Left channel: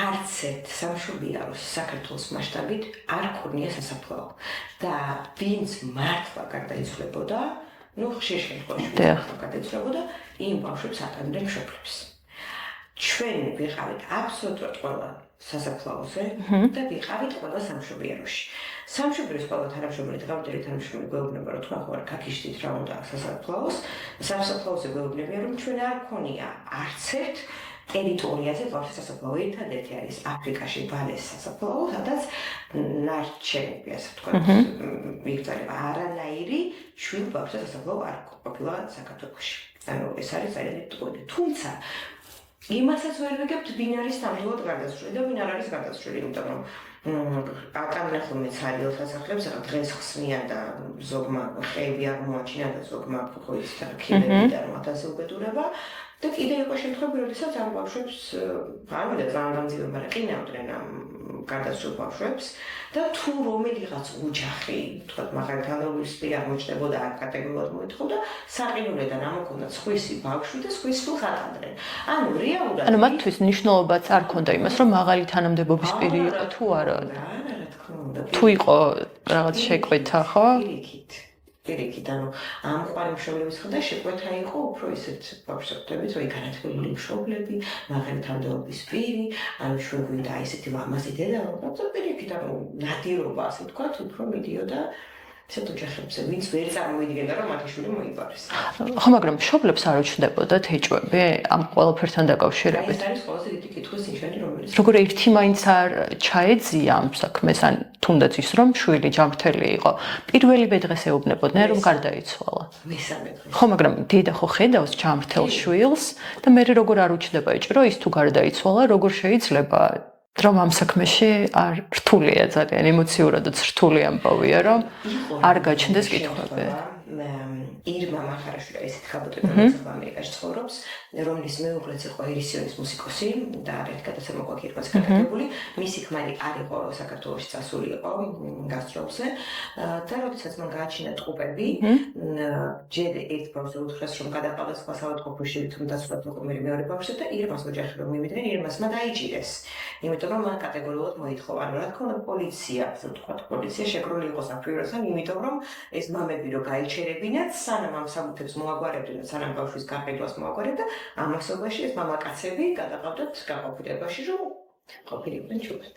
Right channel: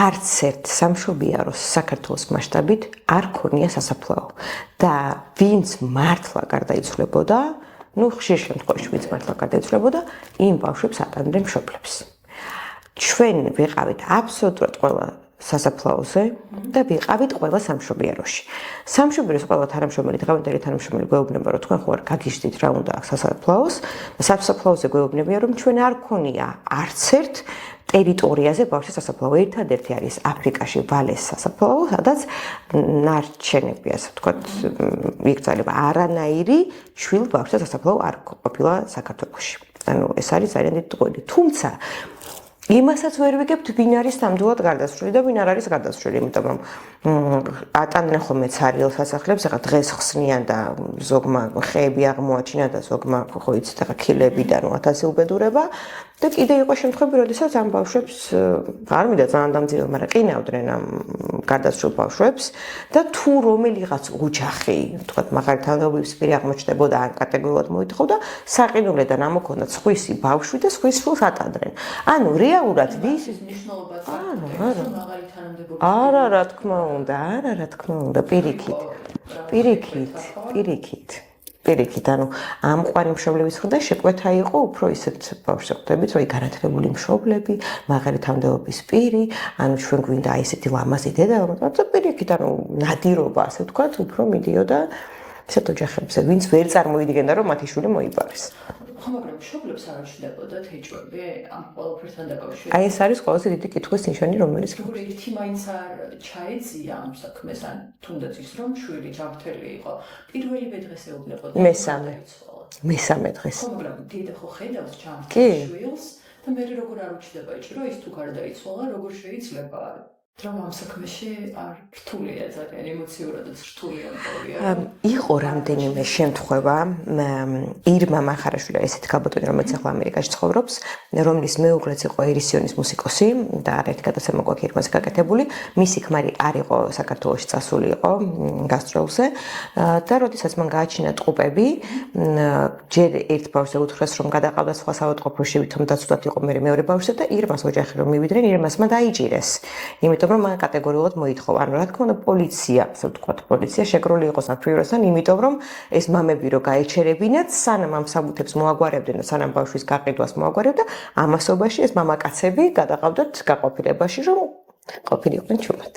არც ერთ სამშობიაროს საქართველოს მასშტაბით არ ქონია სასაფლაო და ვინც მართლა გარდაიცვლებოდა, ხშირ შემთხვევაში ვინც მართლა გარდაიცვლებოდა, იმ ბავშვებს ატანდნენ მშობლებს. ჩვენ ვიყავით აბსოლუტურად ყველა სასაფლაოზე და ვიყავით ყველა სამშობიაროში. სამშობიაროს ყველა თანამშრომელი, დღევანდელი თანამშრომელი გვეუბნება, რომ თქვენ ხო არ გაგიჟდით რა უნდა აქ სასაფლაოს. სასაფლაოზე გვეუბნებიან, რომ ჩვენ არ ქონია არც ერთ ტერიტორიაზე ბავშვის სასაფლაო. ერთადერთი არის აფრიკაში ვალეს სასაფლაო, სადაც ნარჩენები, ასე ვთქვათ, იგრძელება არანაირი შვილ ბავშვის სასაფლაო არ ყოფილა საქართველოში. ანუ ეს არის ძალიან დიდი ტყუილი. თუმცა იმასაც ვერ ვიგებთ, ვინ არის ნამდვილად გარდაცვლილი და ვინ არ არის გარდაცვლილი, იმიტომ რომ ატანდნენ ხოლმე ცარიელ სასახლეებს, ახლა დღეს ხსნიან და ზოგმა ხეები აღმოაჩინა და ზოგმა ხო იცით, ახლა ქილებიდან 1000 უბედურება და კიდე იყო შემთხვევები, როდესაც ამ ბავშვებს არ მინდა ძალიან დამძიმება, მაგრამ ყინავდნენ ამ გარდაცვლილ ბავშვებს და თუ რომელიღაც ოჯახი, თქვათ, მაღალთანაობის პირი აღმოჩნდებოდა ან კატეგორიულად მოითხოვდა, საყინულიდან ამოქონდათ სხვისი ბავშვი და სხვის ფილს ატანდნენ. ანუ რეალურად მათთვის მნიშვნელობაც არ ქონდა იმას, რომ მაღალი თანამდებობის პირი არა, თუ არა, თქმა უნდა. თუ იყო რაღაც შეკვეთა, ხო? პირიქით, ანუ ამყვარი მშობლების მხრიდან შეკვეთა იყო უფრო ისეთ ბავშვებს ხვდებით, რომ განათლებული მშობლები, მაღალი თანამდებობის პირი, ანუ ჩვენ გვინდა ისეთი ლამაზი დედა, რომელსაც პირიქით, ანუ ნადირობა, ასე ვთქვათ, უფრო მიდიოდა ისეთ ოჯახებზე, ვინც ვერ წარმოვიდგენდა, რომ მათი შვილი მოიპარეს. ხო, მაგრამ მშობლებს არ უჩნდებოდათ ეჭვები ამ ყველაფერთან დაკავშირებით? აი ეს არის ყველაზე დიდი კითხვის ნიშანი, რომელიც როგორ ერთი მაინც არ ჩაეძია ამ საქმეს, ან თუნდაც ის რომ შვილი ჯანმრთელი იყო, პირველივე დღეს ეუბნებოდნენ, რომ გარდაიცვალა. მესამე დღეს. ხო, მაგრამ დედა ხო ხედავს ჯანმრთელ შვილს და მე როგორ არ უჩნდება ეჭვი, ის თუ გარდაიცვალა, როგორ შეიძლება რომ ამ საქმეში არ რთულია ძალიან ემოციურადაც რთული ამბავია, რომ იყო არ გაჩნდეს შემთხვევა ირმა მახარაშვილი, ესეთი ქალბატონი, რომელიც ახლა ამერიკაში ცხოვრობს, რომლის მეუღლეც იყო ერისიონის მუსიკოსი და არაერთი გადაცემა გვაქვს ირმას გაკეთებული, მისი ქმარი არ იყო საქართველოში წასული იყო გასტროლზე და როდესაც მან გააჩინა ტყუპები, ჯერ ერთ ბავშვზე უთხრეს, რომ გადაყავდა სხვა საავადმყოფოში, ვითომ დაცუდად იყო მეორე ბავშვზე და ირმას ოჯახი რომ მივიდნენ, ირმასმა დაიჭირეს. იმიტომ რომ მან კატეგორიულად მოითხოვა, ანუ რა თქმა უნდა პოლიცია, ასე ვთქვათ, პოლიცია შეკრული იყო საფრთხესთან, იმიტომ რომ ეს მამები რო გაეჩერებინათ, სანამ ამ საბუთებს მოაგვარებდნენ და სანამ ბავშვის გაყიდვას მოაგვარებდა, ამასობაში ეს მამაკაცები გადაყავდათ გაყოფილებაში, რომ ყოფილიყვნენ ჩუმად.